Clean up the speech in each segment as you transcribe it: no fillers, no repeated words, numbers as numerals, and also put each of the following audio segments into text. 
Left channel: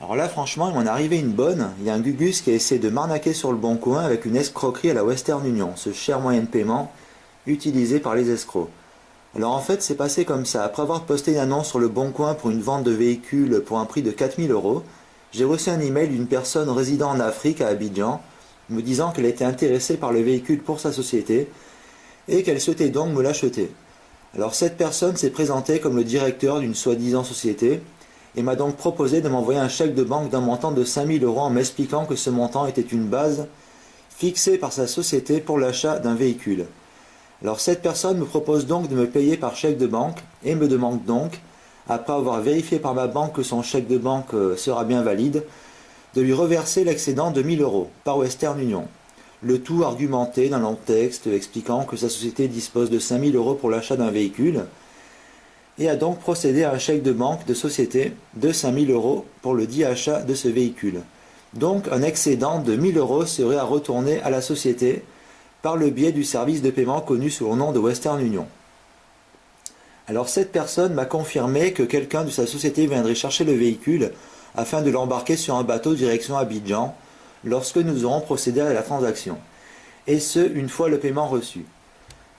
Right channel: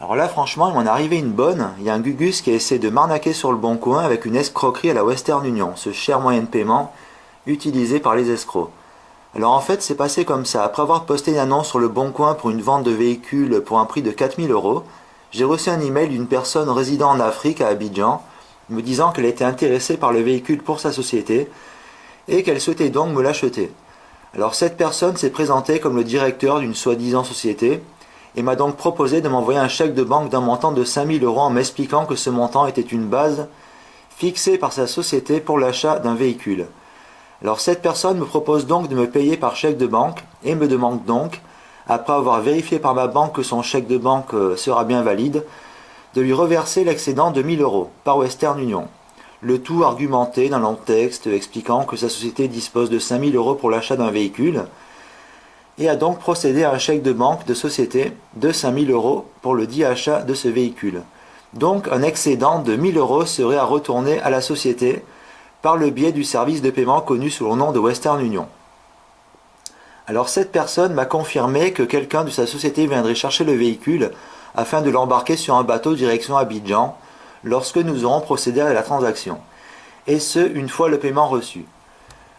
Alors là, franchement, il m'en est arrivé une bonne. Il y a un Gugus qui a essayé de m'arnaquer sur le bon coin avec une escroquerie à la Western Union, ce cher moyen de paiement utilisé par les escrocs. Alors en fait, c'est passé comme ça. Après avoir posté une annonce sur le bon coin pour une vente de véhicules pour un prix de 4 000 euros, j'ai reçu un email d'une personne résidant en Afrique, à Abidjan, me disant qu'elle était intéressée par le véhicule pour sa société et qu'elle souhaitait donc me l'acheter. Alors cette personne s'est présentée comme le directeur d'une soi-disant société et m'a donc proposé de m'envoyer un chèque de banque d'un montant de 5 000 euros en m'expliquant que ce montant était une base fixée par sa société pour l'achat d'un véhicule. Alors cette personne me propose donc de me payer par chèque de banque et me demande donc, après avoir vérifié par ma banque que son chèque de banque sera bien valide, de lui reverser l'excédent de 1 000 euros par Western Union. Le tout argumenté d'un long texte expliquant que sa société dispose de 5 000 euros pour l'achat d'un véhicule et a donc procédé à un chèque de banque de société de 5 000 euros pour le dit achat de ce véhicule. Donc un excédent de 1 000 euros serait à retourner à la société par le biais du service de paiement connu sous le nom de Western Union. Alors cette personne m'a confirmé que quelqu'un de sa société viendrait chercher le véhicule afin de l'embarquer sur un bateau direction Abidjan lorsque nous aurons procédé à la transaction. Et ce, une fois le paiement reçu.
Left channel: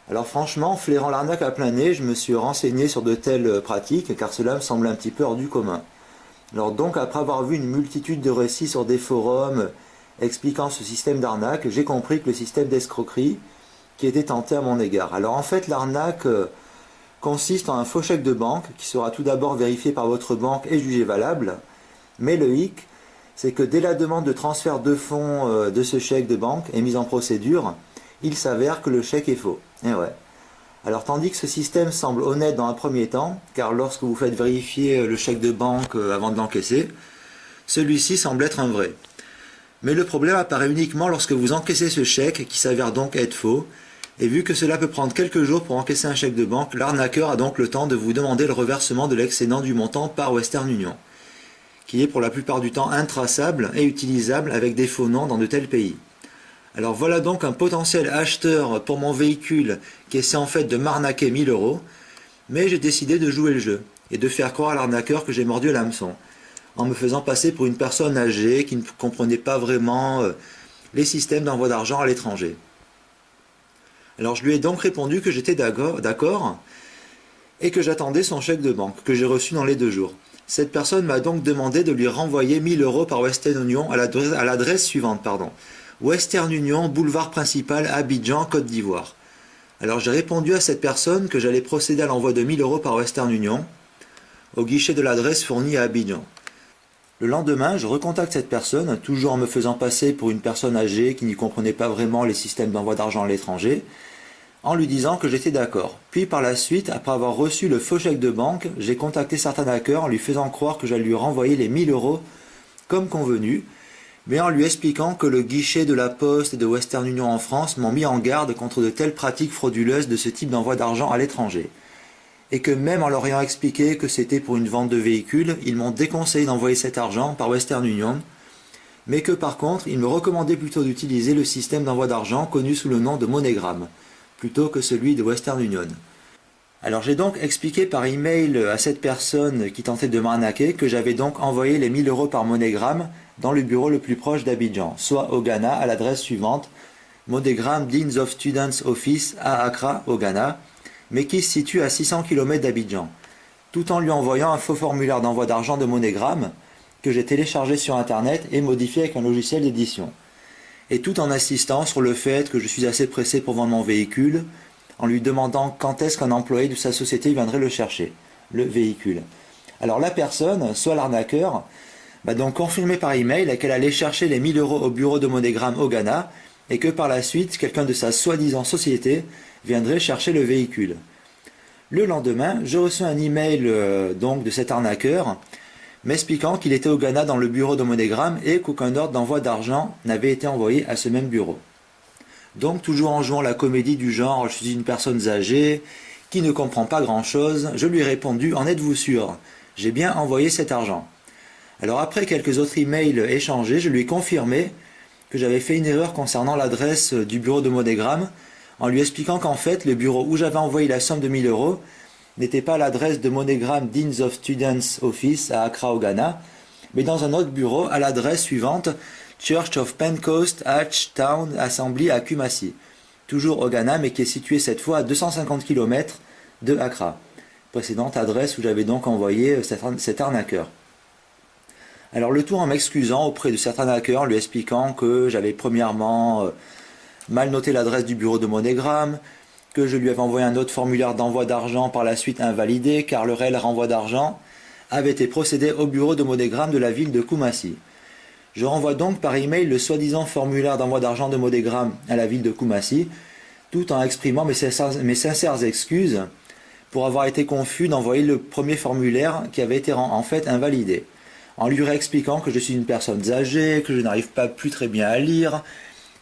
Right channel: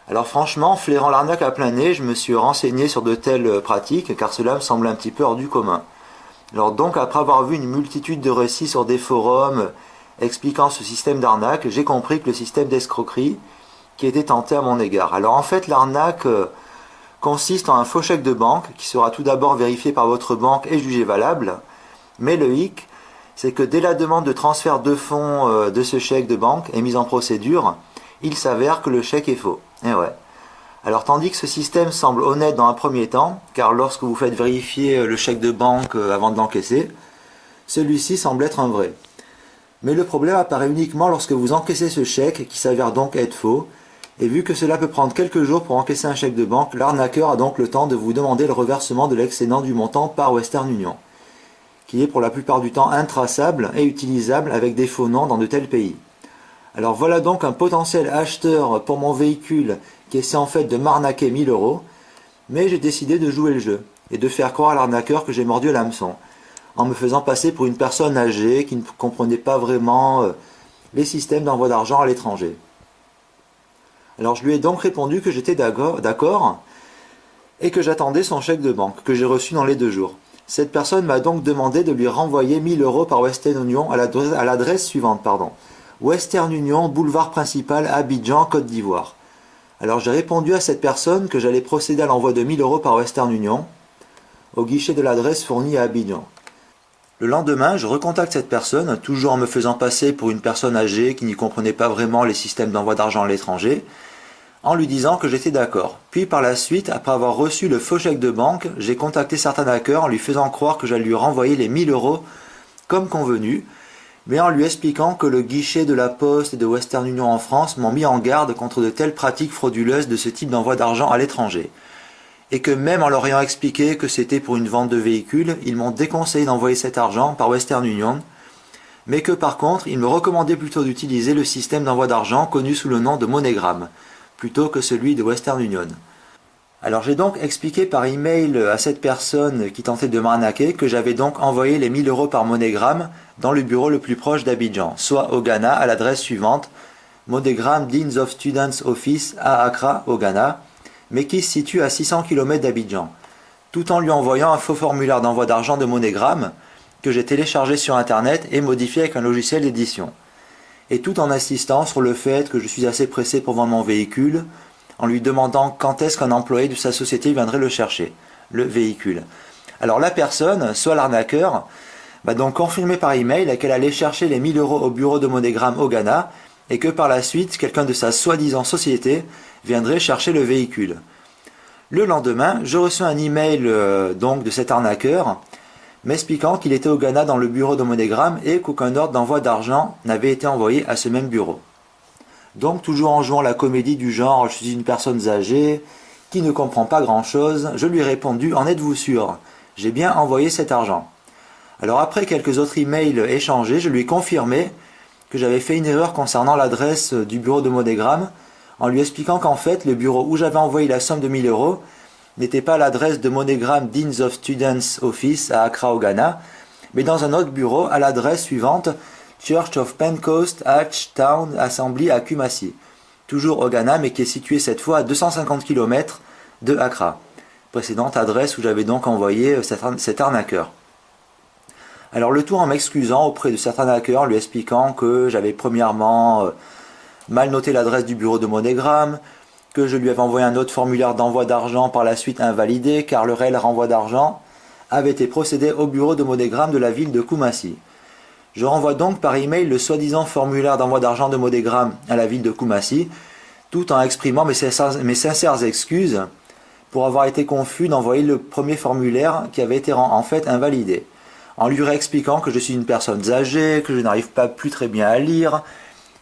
Alors franchement, flairant l'arnaque à plein nez, je me suis renseigné sur de telles pratiques car cela me semble un petit peu hors du commun. Alors donc, après avoir vu une multitude de récits sur des forums expliquant ce système d'arnaque, j'ai compris que le système d'escroquerie qui était tenté à mon égard. Alors en fait, l'arnaque consiste en un faux chèque de banque qui sera tout d'abord vérifié par votre banque et jugé valable, mais le hic, c'est que dès la demande de transfert de fonds de ce chèque de banque est mise en procédure, il s'avère que le chèque est faux. Et ouais. Alors tandis que ce système semble honnête dans un premier temps, car lorsque vous faites vérifier le chèque de banque avant de l'encaisser, celui-ci semble être un vrai. Mais le problème apparaît uniquement lorsque vous encaissez ce chèque qui s'avère donc être faux, et vu que cela peut prendre quelques jours pour encaisser un chèque de banque, l'arnaqueur a donc le temps de vous demander le reversement de l'excédent du montant par Western Union, qui est pour la plupart du temps intraçable et utilisable avec des faux noms dans de tels pays. Alors voilà donc un potentiel acheteur pour mon véhicule qui essaie en fait de m'arnaquer 1 000 euros, mais j'ai décidé de jouer le jeu et de faire croire à l'arnaqueur que j'ai mordu à l'hameçon, en me faisant passer pour une personne âgée qui ne comprenait pas vraiment les systèmes d'envoi d'argent à l'étranger. Alors je lui ai donc répondu que j'étais d'accord et que j'attendais son chèque de banque, que j'ai reçu dans les 2 jours. Cette personne m'a donc demandé de lui renvoyer 1 000 euros par Western Union à l'adresse suivante, Western Union, boulevard principal, Abidjan, Côte d'Ivoire. Alors j'ai répondu à cette personne que j'allais procéder à l'envoi de 1 000 euros par Western Union au guichet de l'adresse fournie à Abidjan. Le lendemain, je recontacte cette personne, toujours en me faisant passer pour une personne âgée qui n'y comprenait pas vraiment les systèmes d'envoi d'argent à l'étranger, en lui disant que j'étais d'accord. Puis par la suite, après avoir reçu le faux chèque de banque, j'ai contacté certains hackers en lui faisant croire que j'allais lui renvoyer les 1 000 euros comme convenu, mais en lui expliquant que le guichet de la Poste et de Western Union en France m'ont mis en garde contre de telles pratiques frauduleuses de ce type d'envoi d'argent à l'étranger. Et que même en leur ayant expliqué que c'était pour une vente de véhicules, ils m'ont déconseillé d'envoyer cet argent par Western Union, mais que par contre, ils me recommandaient plutôt d'utiliser le système d'envoi d'argent connu sous le nom de MoneyGram, plutôt que celui de Western Union. Alors j'ai donc expliqué par email à cette personne qui tentait de m'arnaquer que j'avais donc envoyé les 1 000 euros par MoneyGram dans le bureau le plus proche d'Abidjan, soit au Ghana à l'adresse suivante, MoneyGram Deans of Students Office à Accra au Ghana, mais qui se situe à 600 km d'Abidjan, tout en lui envoyant un faux formulaire d'envoi d'argent de MoneyGram que j'ai téléchargé sur internet et modifié avec un logiciel d'édition, et tout en insistant sur le fait que je suis assez pressé pour vendre mon véhicule, en lui demandant quand est-ce qu'un employé de sa société viendrait le chercher, le véhicule. Alors la personne, soit l'arnaqueur, m'a donc confirmé par email qu'elle allait chercher les 1 000 euros au bureau de MoneyGram au Ghana et que par la suite, quelqu'un de sa soi-disant société viendrait chercher le véhicule. Le lendemain, je reçois un email donc de cet arnaqueur m'expliquant qu'il était au Ghana dans le bureau de MoneyGram et qu'aucun ordre d'envoi d'argent n'avait été envoyé à ce même bureau. Donc toujours en jouant la comédie du genre « je suis une personne âgée qui ne comprend pas grand-chose », je lui ai répondu « en êtes-vous sûr? J'ai bien envoyé cet argent ». Alors après quelques autres emails échangés, je lui ai confirmé que j'avais fait une erreur concernant l'adresse du bureau de MoneyGram en lui expliquant qu'en fait le bureau où j'avais envoyé la somme de 1 000 euros n'était pas l'adresse de MoneyGram Deans of Students Office à Accra au Ghana, mais dans un autre bureau à l'adresse suivante, Church of Pentecost, Hatch Town Assembly à Kumasi. Toujours au Ghana, mais qui est situé cette fois à 250 km de Accra. Précédente adresse où j'avais donc envoyé cet arnaqueur. Alors le tout en m'excusant auprès de certains hackers, lui expliquant que j'avais premièrement mal noté l'adresse du bureau de MoneyGram, que je lui avais envoyé un autre formulaire d'envoi d'argent par la suite invalidé, car le réel renvoi d'argent avait été procédé au bureau de MoneyGram de la ville de Kumasi. Je renvoie donc par email le soi-disant formulaire d'envoi d'argent de MoneyGram à la ville de Kumasi, tout en exprimant mes sincères excuses pour avoir été confus d'envoyer le premier formulaire qui avait été en fait invalidé, en lui réexpliquant que je suis une personne âgée, que je n'arrive pas plus très bien à lire,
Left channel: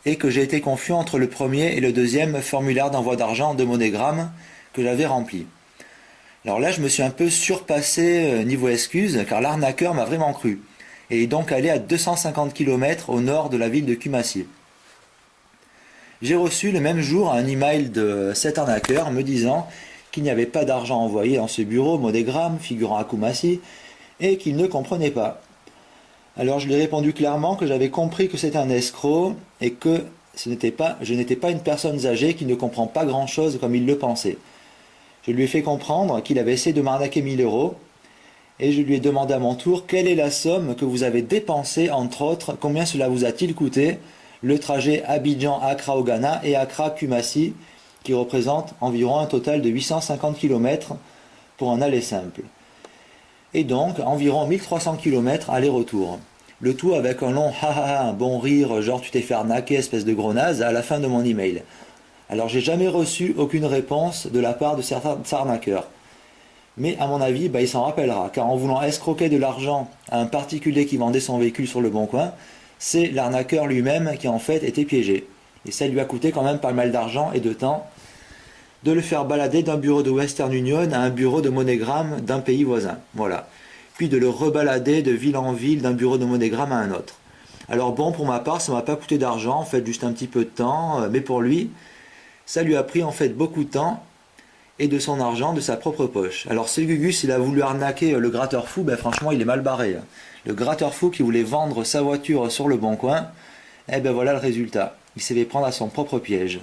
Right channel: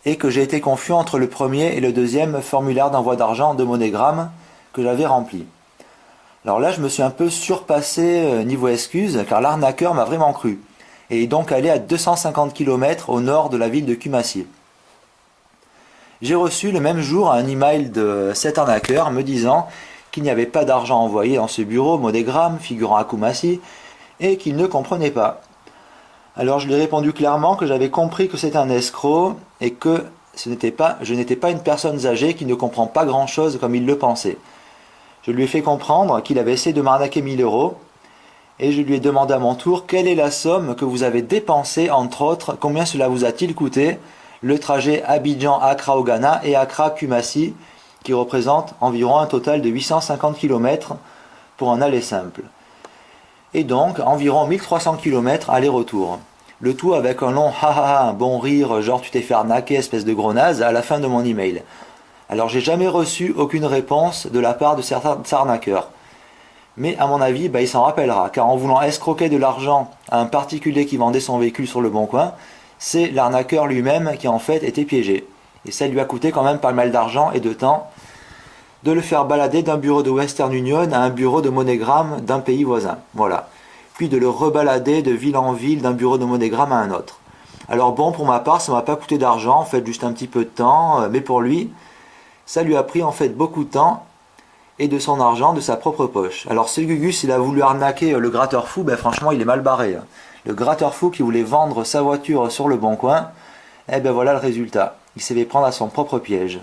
et que j'ai été confus entre le premier et le deuxième formulaire d'envoi d'argent de MoneyGram que j'avais rempli. Alors là, je me suis un peu surpassé niveau excuses, car l'arnaqueur m'a vraiment cru, et est donc allé à 250 km au nord de la ville de Kumasi. J'ai reçu le même jour un email de cet arnaqueur me disant qu'il n'y avait pas d'argent envoyé dans ce bureau MoneyGram figurant à Kumasi et qu'il ne comprenait pas. Alors je lui ai répondu clairement que j'avais compris que c'était un escroc et que je n'étais pas une personne âgée qui ne comprend pas grand-chose comme il le pensait. Je lui ai fait comprendre qu'il avait essayé de m'arnaquer 1000 euros et je lui ai demandé à mon tour quelle est la somme que vous avez dépensée, entre autres, combien cela vous a-t-il coûté, le trajet Abidjan-Accra au Ghana et Accra-Kumasi, qui représente environ un total de 850 km pour un aller simple. Et donc environ 1300 km aller-retour. Le tout avec un long ha ha ha, un bon rire, genre tu t'es fait arnaquer, espèce de gros naze, à la fin de mon email. Alors j'ai jamais reçu aucune réponse de la part de certains arnaqueurs. Mais à mon avis, il s'en rappellera, car en voulant escroquer de l'argent à un particulier qui vendait son véhicule sur le bon coin, c'est l'arnaqueur lui-même qui en fait était piégé. Et ça lui a coûté quand même pas mal d'argent et de temps de le faire balader d'un bureau de Western Union à un bureau de MoneyGram d'un pays voisin. Voilà. Puis de le rebalader de ville en ville d'un bureau de MoneyGram à un autre. Alors bon, pour ma part, ça m'a pas coûté d'argent, en fait juste un petit peu de temps, mais pour lui, ça lui a pris en fait beaucoup de temps et de son argent de sa propre poche. Alors ce Gugus, il a voulu arnaquer le gratteur fou, franchement il est mal barré. Le gratteur fou qui voulait vendre sa voiture sur le bon coin, voilà le résultat. Il s'est fait prendre à son propre piège.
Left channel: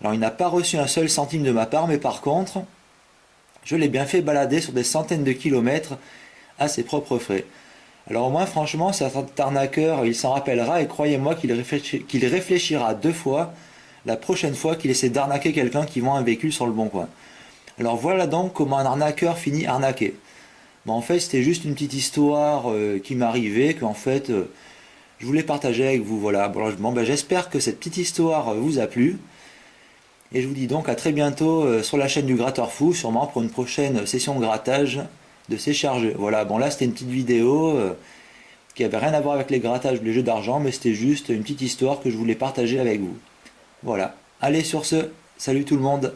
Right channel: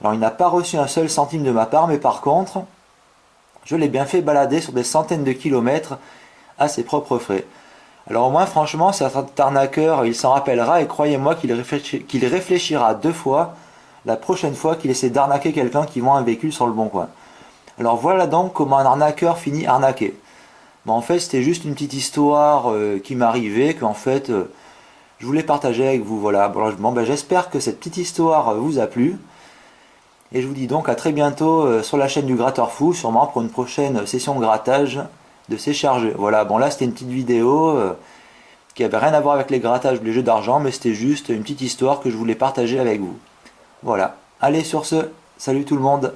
Alors il n'a pas reçu un seul centime de ma part, mais par contre, je l'ai bien fait balader sur des centaines de kilomètres à ses propres frais. Alors au moins franchement, cet arnaqueur, il s'en rappellera et croyez-moi qu'il réfléchira 2 fois la prochaine fois qu'il essaie d'arnaquer quelqu'un qui vend un véhicule sur le bon coin. Alors voilà donc comment un arnaqueur finit arnaqué. En fait, c'était juste une petite histoire qui m'arrivait, qu'en fait, je voulais partager avec vous. Voilà. J'espère que cette petite histoire vous a plu. Et je vous dis donc à très bientôt sur la chaîne du Gratteur Fou, sûrement pour une prochaine session de grattage de ces chargeurs. Voilà, bon là c'était une petite vidéo qui avait rien à voir avec les grattages ou les jeux d'argent, mais c'était juste une petite histoire que je voulais partager avec vous. Voilà. Allez sur ce, salut tout le monde.